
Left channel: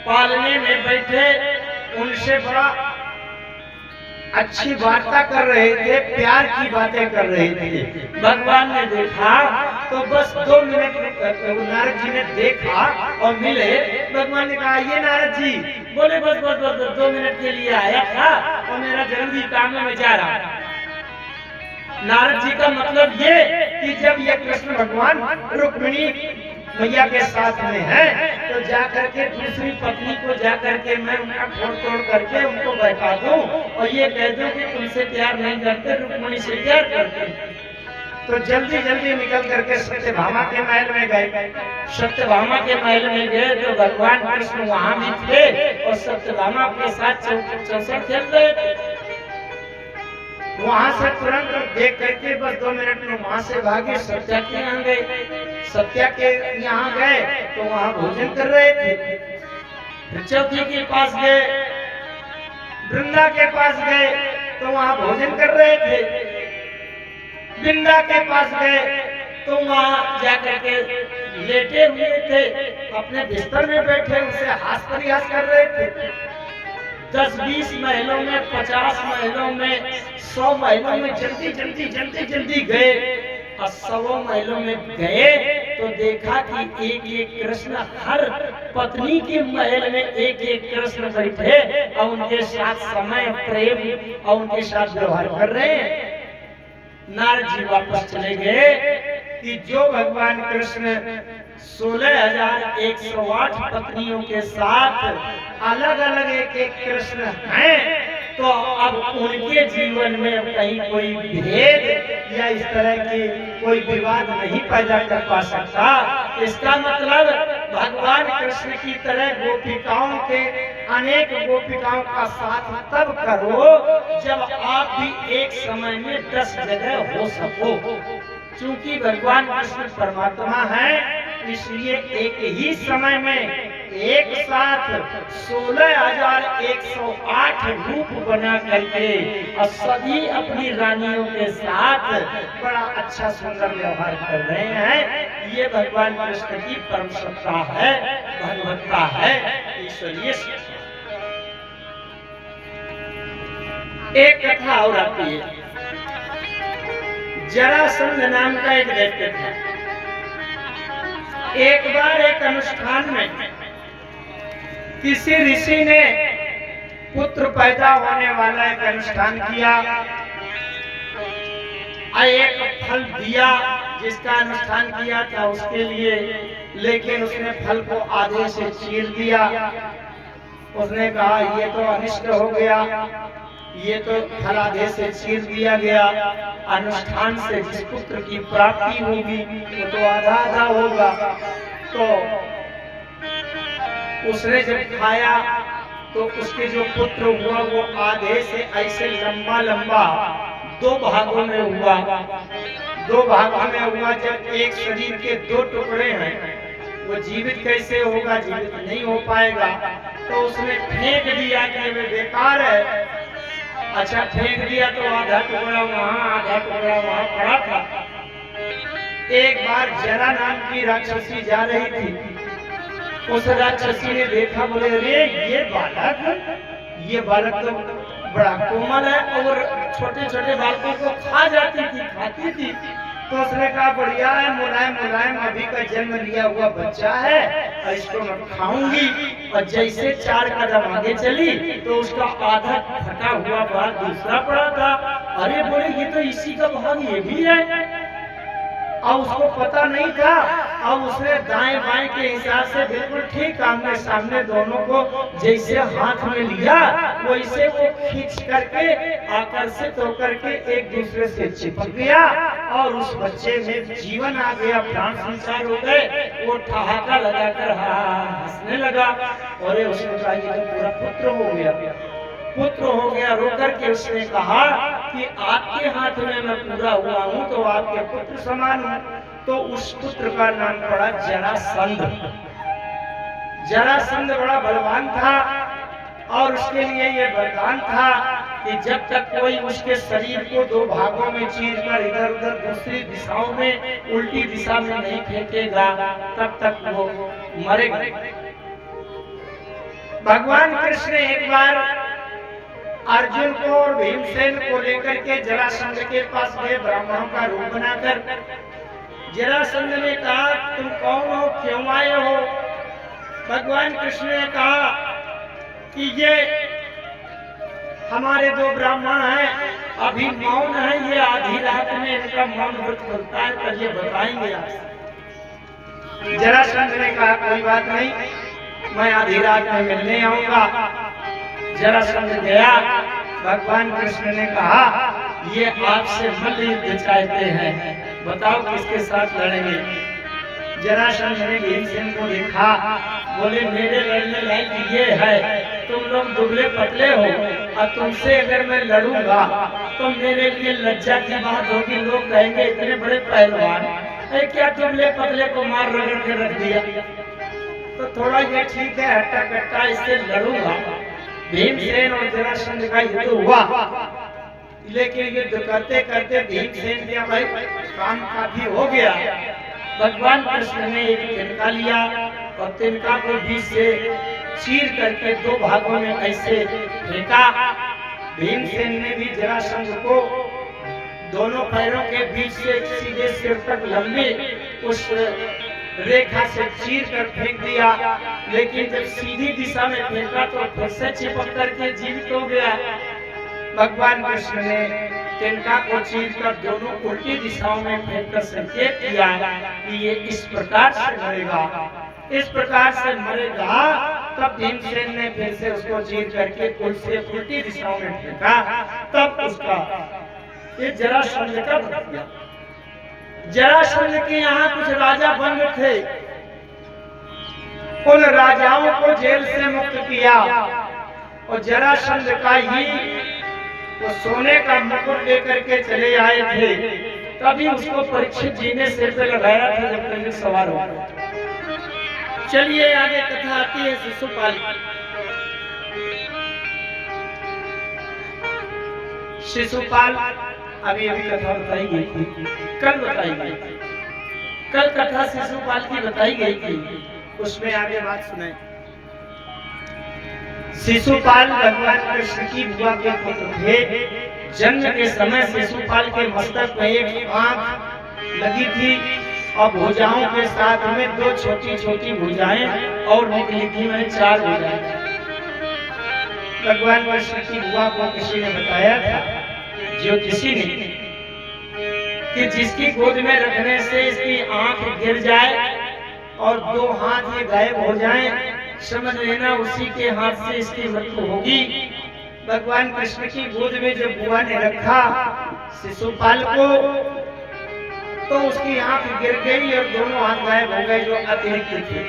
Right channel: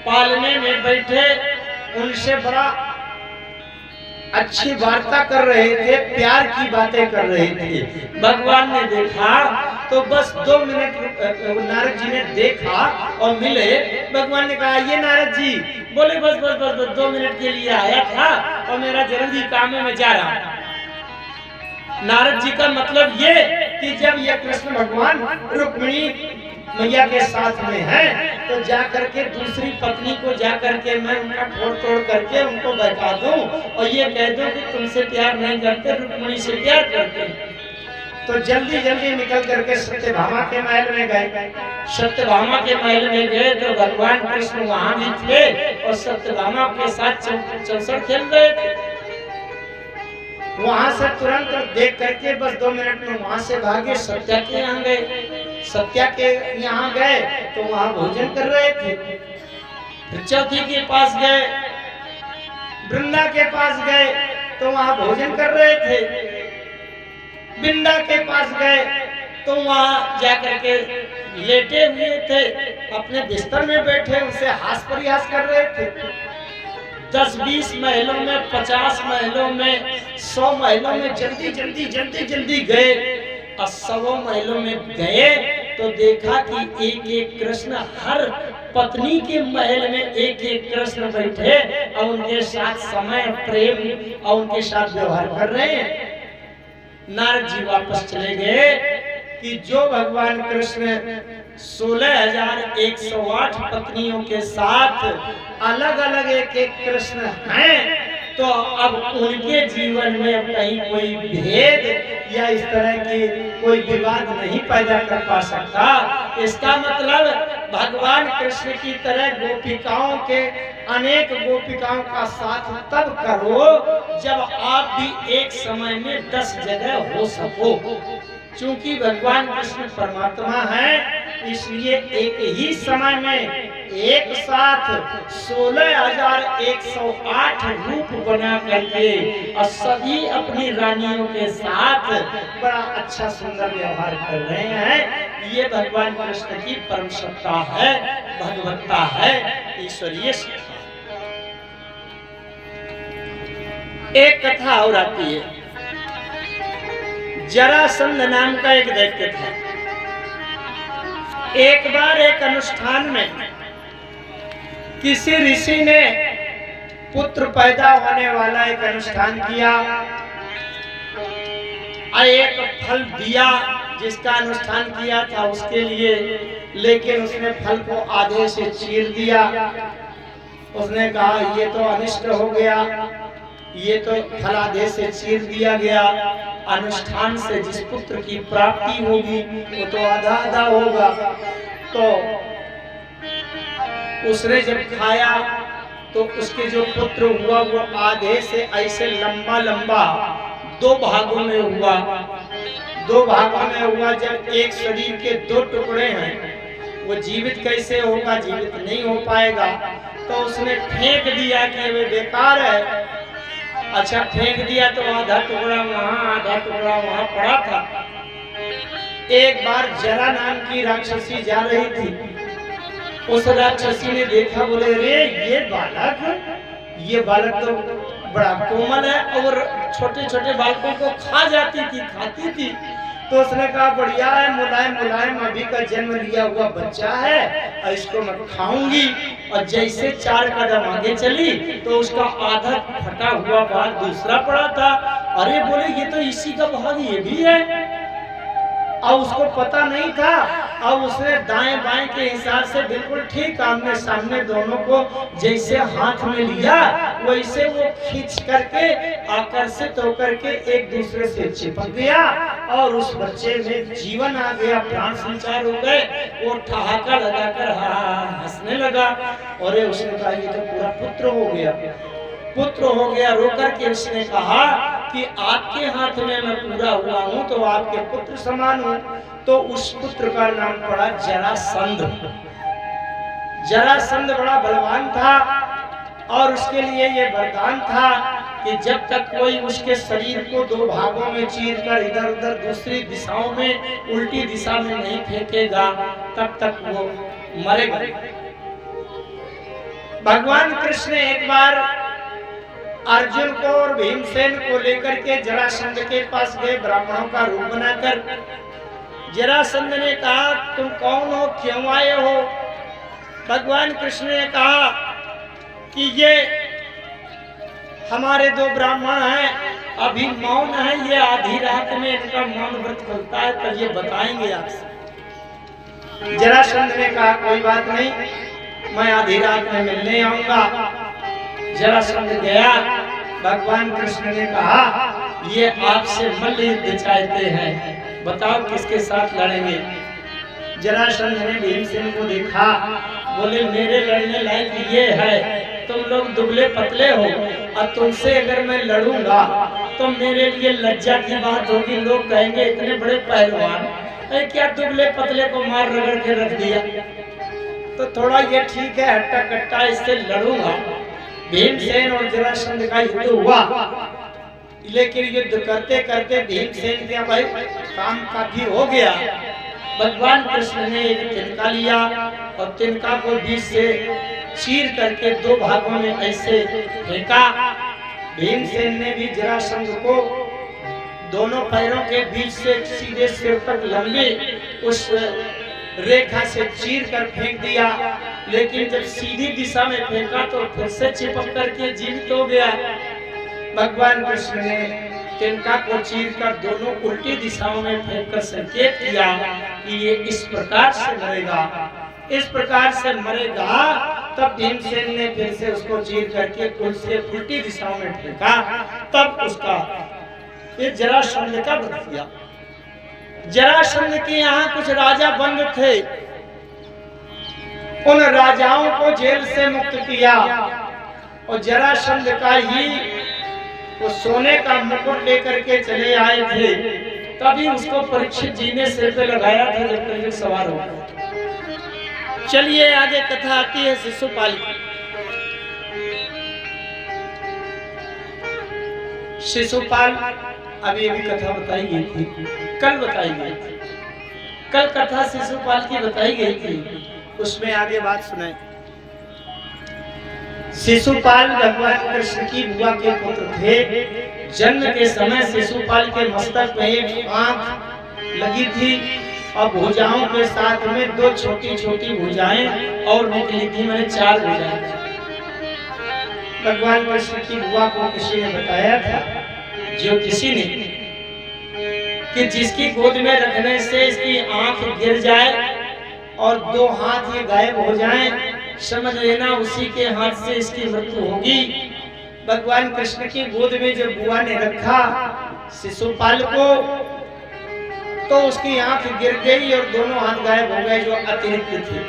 पालने में बैठे, उनसे बड़ा अच्छी वार्ता कर रहे थे, प्यार की बातें कर रहे थे। भगवान ने देखा तो बस 2 मिनट नारद जी ने देखा और मिले। भगवान ने कहा, ये नारद जी बोले बस बस बस बस 2 मिनट के लिए आया था और मेरा जरूरी काम है, मैं जा रहा हूं। नारद जी का मतलब ये कि जब ये कृष्ण भगवान रुक्मिणी मैया के साथ में है, तो जा करके दूसरी पत्नी को जा करके मैं उनका फोड़ तोड़ करके उनको बैठा दूं और ये कह दूं कि तुमसे प्यार नहीं करते, रुक्मिणी से प्यार करते। तो जल्दी जल्दी निकल करके सत्यभामा के महल में गए। सत्यभामा के महल में गए तो भगवान कृष्ण वहां भी थे और सत्यभामा के साथ चौसर खेल रहे थे। वहां से तुरंत देख करके बस 2 मिनट में वहां से भागे, सत्या के यहाँ गए। सत्या के यहाँ गए तो वहां भोजन कर रहे थे। फिर चौथी के पास गए, वृंदा के पास गए तो वहां भोजन कर रहे थे। बिंदा के पास गए तो वहां जाकर के लेटे हुए थे, अपने बिस्तर में बैठे, उनसे हास परिहास कर रहे थे। 10-20 महलों में, 50 महलों में, 100 महलों में जल्दी जल्दी जल्दी जल्दी गए। और 100 महलों में गए तो देखा कि एक एक कृष्ण, हर पत्नी के महल में एक एक कृष्ण बैठे और उनके साथ समय, प्रेम और उनके साथ व्यवहार कर रहे हैं। नारद जी वापस चले गए कि जो भगवान कृष्ण 16,108 पत्नियों के साथ अलग अलग एक एक कृष्ण हैं, तो अब उनके जीवन में कहीं कोई भेद या इस तरह की कोई विवाद नहीं पैदा कर पा सकता। इसका मतलब भगवान कृष्ण की तरह गोपिकाओं के, अनेक गोपिकाओं का साथ तब करो जब आप भी एक समय में 10 जगह हो सको। चूंकि भगवान कृष्ण परमात्मा है, इसलिए एक ही समय में एक साथ 16,108 रूप बना करके और सभी अपनी रानियों के साथ बड़ा अच्छा सुंदर व्यवहार कर रहे हैं। ये भगवान कृष्ण की परम सत्ता है, भगवत्ता है, ईश्वरीय सत्ता। एक कथा और आती है। जरासंध नाम का एक दैत्य था। एक बार एक अनुष्ठान में किसी ऋषि ने पुत्र पैदा होने वाला एक अनुष्ठान किया, एक फल दिया जिसका अनुष्ठान किया था उसके लिए, लेकिन उसने फल को आधे से चीर दिया। उसने कहा ये तो अनिष्ट हो गया, ये तो फल आधे से चीर दिया गया। अनुष्ठान से जिस पुत्र की प्राप्ति होगी वो तो आधा आधा होगा। तो उसने जब खाया तो उसके जो पुत्र हुआ वो आधे से ऐसे लंबा लंबा 2 भागों में हुआ। 2 भागों में हुआ। जब एक शरीर के 2 टुकड़े हैं, वो जीवित कैसे होगा, जीवित नहीं हो पाएगा। तो उसने फेंक दिया कि वे बेकार है। अच्छा, फेंक दिया तो आधा टुकड़ा वहां, आधा टुकड़ा वहां पड़ा था। एक बार जरा नाम की राक्षसी जा रही थी। उस राक्षसी ने देखा, बोले अरे ये बालक तो बड़ा कोमल है और छोटे छोटे बालकों को खा जाती थी, खाती थी। तो उसने कहा बढ़िया है, मुलायम मुलायम अभी का जन्म लिया हुआ बच्चा है और इसको मैं खाऊंगी। और जैसे 4 कदम आगे चली तो उसका आधा फटा हुआ बाल दूसरा पड़ा था अरे बोले ये तो इसी का भाग ये भी है। अब उसको पता नहीं था। अब उसने दाएं बाएं के हिसाब से बिल्कुल ठीक आमने सामने दोनों को जैसे हाथ में लिया, वैसे वो खींच करके आकर्षित होकर के एक दूसरे से चिपक गया और उस बच्चे में जीवन आ गया, प्राण संचार हो गए। वो ठहाका लगाकर हंसने लगा और उसने कहा ये तो पूरा पुत्र हो गया, पुत्र हो गया। रोकर के उसने कहा कि आपके हाथ में मैं पूरा हुआ हूं तो आपके पुत्र समान हूं। तो उस पुत्र का नाम पड़ा जरासंध। जरासंध बड़ा बलवान था और उसके लिए ये वरदान था कि जब तक कोई उसके शरीर को दो भागों में चीरकर इधर उधर दूसरी दिशाओं में उल्टी दिशा में नहीं फेंकेगा तब तक वो मरेगा। भगवान कृष्ण एक बार अर्जुन को और भीमसेन को लेकर के जरासंध के पास गए, ब्राह्मणों का रूप बनाकर। जरासंध ने कहा तुम कौन हो, क्यों आए हो? भगवान कृष्ण ने कहा कि ये हमारे दो ब्राह्मण हैं, अभी मौन है, ये आधी रात में इनका मौन व्रत खुलता है तो ये बताएंगे आपसे। जरासंध ने कहा कोई बात नहीं, मैं आधी रात में मिलने आऊंगा। जरासंध गया। भगवान कृष्ण ने कहा ये आपसे मल्ल युद्ध चाहते हैं, बताओ किसके साथ लड़ेंगे? जरासंध ने भीमसेन को देखा, बोले मेरे लड़ने लायक ये है, तुम लोग दुबले पतले हो और तुमसे अगर मैं लड़ूंगा तो मेरे लिए लज्जा की बात होगी। लोग कहेंगे इतने बड़े पहलवान अरे क्या दुबले पतले को मार रगड़ के रख दिया। तो थोड़ा ये ठीक है, हट्टा कट्टा इससे लड़ूंगा। भीमसेन और जरासंध का युद्ध हुआ, लेकिन युद्ध करते करते भीमसेन क्या भाई काम काफी हो गया। भगवान कृष्ण ने एक तिनका लिया और तिनका को बीच से चीर करके दो भागों में ऐसे फेंका। भीमसेन ने भी जरासंध को दोनों पैरों के बीच से सीधे सिर तक लंबी उस रेखा से चीर कर फेंक दिया, लेकिन जब सीधी दिशा में फेंका तो फिर से चिपक करके जीवित हो गया। भगवान कृष्ण ने तिनका को चीर कर दोनों उल्टी दिशाओं में फेंक कर संकेत किया कि ये इस प्रकार से मरेगा, इस प्रकार से मरेगा। तब भीमसेन ने फिर से उसको चीर करके उल्टी दिशाओं में फेंका, तब उसका ये जरासंध का वध किया। जरासंध के यहाँ कुछ राजा बंद थे, उन राजाओं को जेल से मुक्त किया और जरासंध का ही वो सोने का मुकुट लेकर के चले आए थे। तभी उसको परीक्षित जी ने सिर पे लगाया था जब कलयुग सवार हो। चलिए आगे कथा आती है शिशुपाल की। शिशुपाल अभी अभी कथा बताई गई थी, कल बताई गई थी, कल कथा शिशुपाल की बताई गई थी, उसमें आगे बात सुनाई। शिशुपाल भगवान कृष्ण की बुआ के पुत्र थे। जन्म के समय शिशुपाल के मस्तक में एक आंख लगी थी और भुजाओं के साथ में दो छोटी छोटी भुजाएं और निकली थी, मैंने चार भुजाएं। भगवान कृष्ण की बुआ को किसी ने बताया था, जो किसी ने, कि जिसकी गोद में रखने से इसकी आंख गिर जाए और दो हाथ ये गायब हो जाएं, समझ लेना उसी के हाथ से इसकी मृत्यु होगी। भगवान कृष्ण की गोद में जब बुआ ने रखा शिशुपाल को, तो उसकी आंख गिर गई और दोनों हाथ गायब हो गए जो अतिरिक्त थे।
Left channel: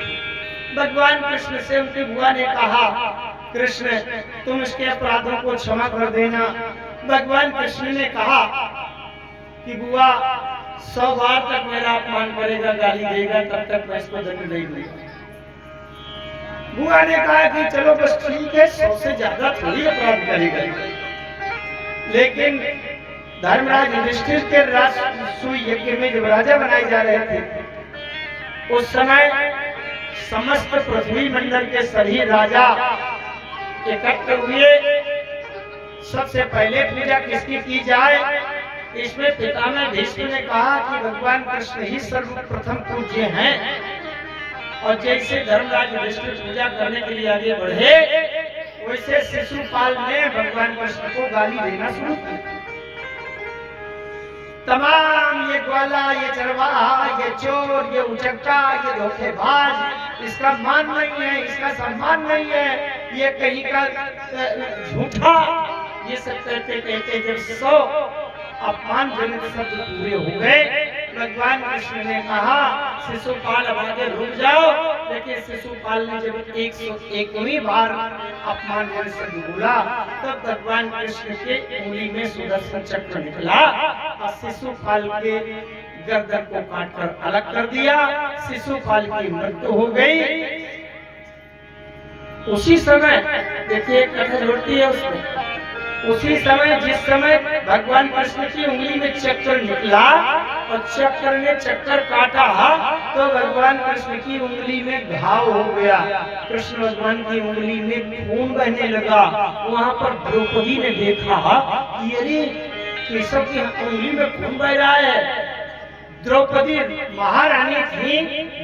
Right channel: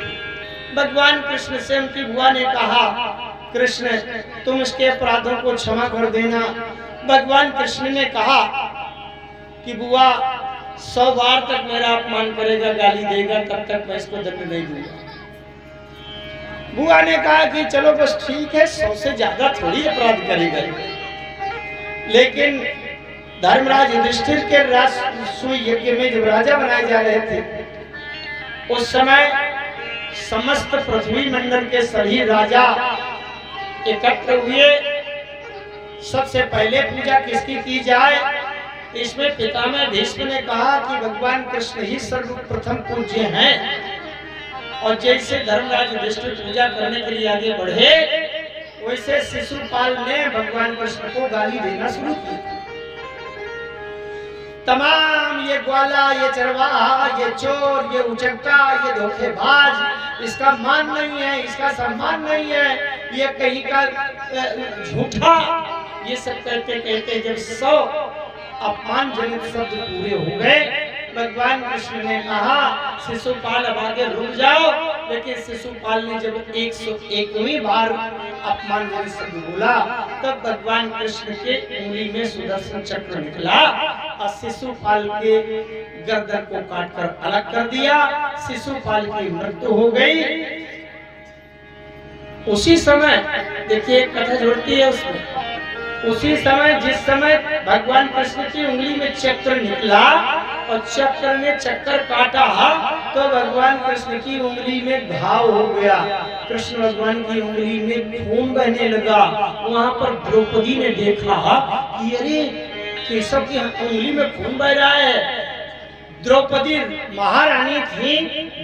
भगवान कृष्ण से उनकी बुआ ने कहा, कृष्ण तुम इसके अपराधों को क्षमा कर देना। भगवान कृष्ण ने कहा कि बुआ 100 बार तक मेरा अपमान करेगा, गाली देगा, तब तक मैं इसको दंड नहीं दूंगा। बुआ ने कहा कि चलो बस ठीक है, 100 से ज्यादा थोड़ी अपराध करेगा। लेकिन धर्मराज युधिष्ठिर के राजसूय यज्ञ में जब राजा बनाए जा रहे थे, उस समय समस्त पृथ्वी मंडल के सभी राजा एकत्र हुए। सबसे पहले पूजा किसकी की जाए? इसमें पितामह भीष्म ने कहा कि भगवान कृष्ण ही सर्वप्रथम पूज्य हैं, और जैसे धर्मराज युधिष्ठिर पूजा करने के लिए आगे बढ़े, वैसे शिशुपाल ने भगवान कृष्ण को गाली देना शुरू की। तमाम ये ग्वाला, ये चरवाहा, ये चोर, ये उचक्का, ये धोखेबाज, इसका मान नहीं है, इसका सम्मान नहीं है, ये कहीं का झूठा, ये सब कहते कहते जब 100 अपमानजनक शब्द पूरे हो गए, भगवान कृष्ण ने कहा शिशुपाल अब आगे रुक जाओ। लेकिन शिशुपाल ने जब 101वीं बार अपमानजनक शब्द बोला, तब भगवान कृष्ण के उंगली में सुदर्शन चक्र निकला और शिशुपाल के गर्दन को काटकर अलग कर दिया। शिशुपाल की मृत्यु हो गई। उसी समय देखिए कथा जोड़ती है उसमें, उसी समय जिस समय भगवान कृष्ण की उंगली में चक्र निकला और चक्र ने चक्कर काटा, तो भगवान कृष्ण की उंगली में घाव हो गया। कृष्ण भगवान की उंगली में खून बहने लगा। वहां पर द्रौपदी ने देखा कि अरे केशव की उंगली में खून बह रहा है। द्रौपदी महारानी थी,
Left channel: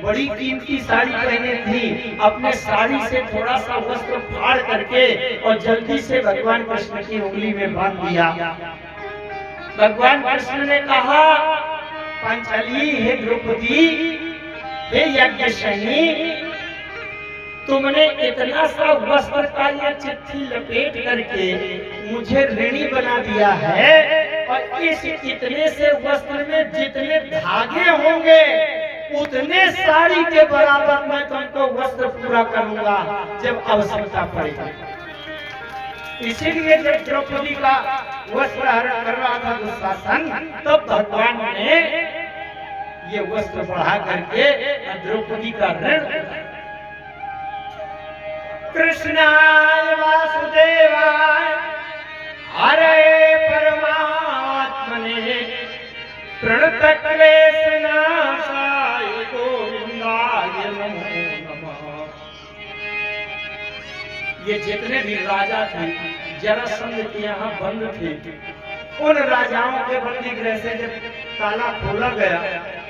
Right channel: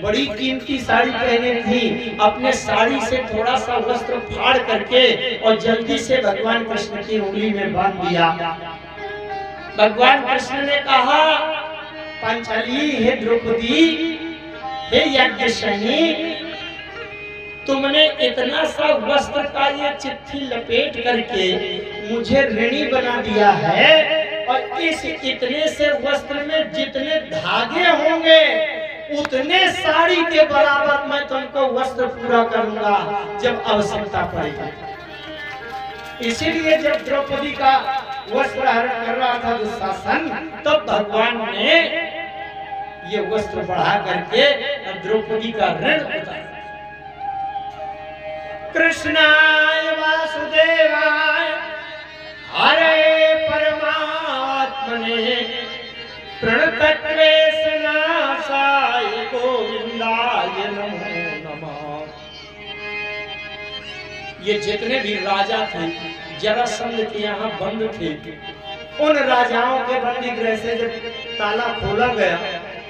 बड़ी कीमती साड़ी पहने थी, अपने साड़ी से थोड़ा सा वस्त्र फाड़ करके और जल्दी से भगवान कृष्ण की उंगली में बांध दिया। भगवान कृष्ण ने कहा, पांचाली, हे द्रौपदी, हे यज्ञशयनी, तुमने इतना सा वस्त्र का ये चिट्ठी लपेट करके मुझे ऋणी बना दिया है, और इस इतने से वस्त्र में जितने धागे होंगे उतने साड़ी के बराबर मैं तुमको वस्त्र पूरा करूंगा जब आवश्यकता पड़ेगी। इसीलिए जब द्रौपदी का वस्त्र हरण कर रहा था दुशासन, तो भगवान ने ये वस्त्र बढ़ा करके द्रौपदी का ऋण उतारा। कृष्णाय वासुदेवाय हरे परमात्मने प्रणतक्लेश नाशाय गोविंदाय नमो नमः। ये जितने भी राजा थे, जरासंध के यहाँ बंद थे, उन राजाओं के बंदी गृह से जब ताला खोला गया,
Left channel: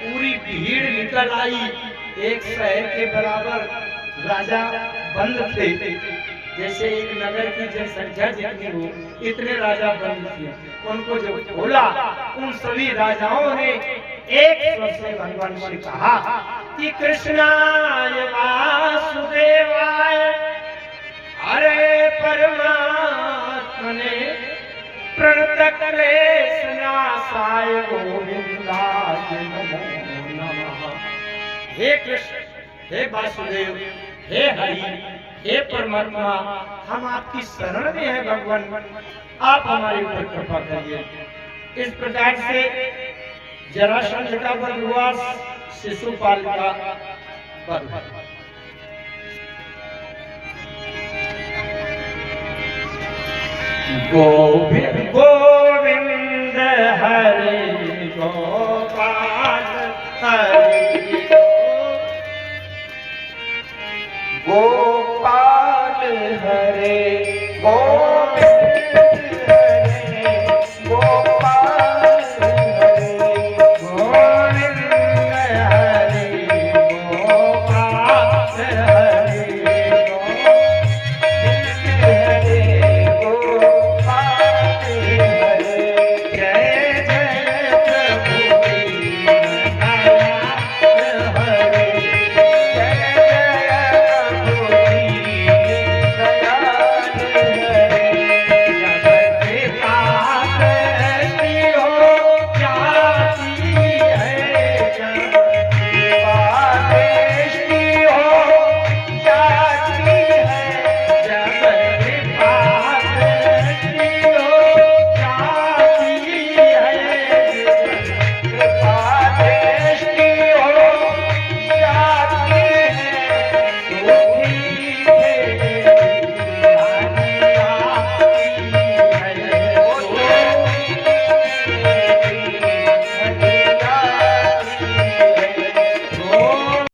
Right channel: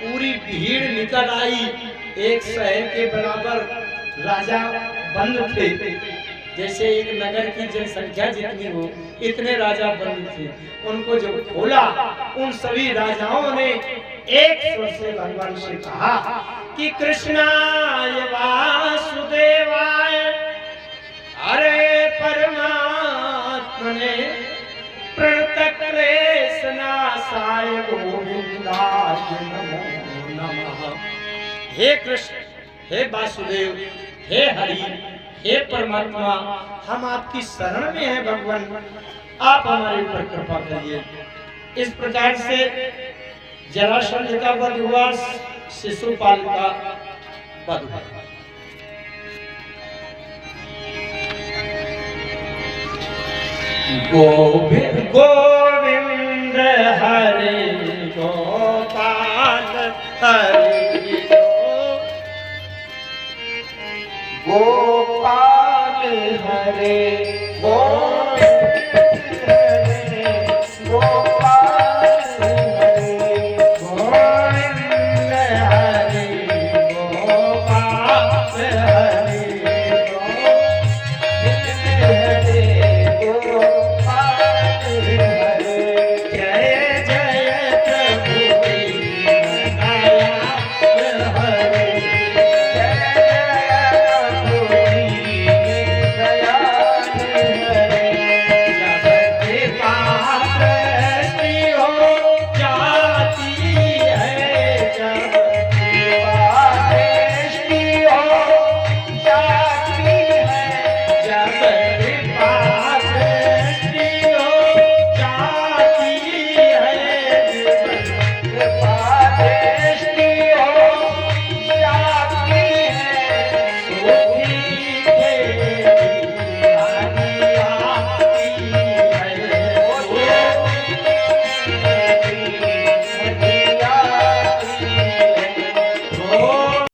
पूरी भीड़ निकल आई। एक शहर के बराबर राजा बंद थे, जैसे एक नगर की जनसंख्या जितनी हो इतने राजा बंद थे। उनको जब खोला, उन सभी राजाओं ने एक स्वर से भगवान से कहा कि कृष्णाय वासुदेवाय हरे परमात्मने प्रणतक्लेश नाशाय गोविंदाय नमो नमः। हे कृष्ण, हे वासुदेव, हे हरि, हे परमात्मा, हम आपकी शरण में हैं भगवान, आप हमारे ऊपर कृपा करिए। इस प्रकार से जरासंध का वध हुआ, शिशुपाल का वध हुआ। गोविंद गोविंद हरे गोपाल हरि गोपाल हरे गोपाल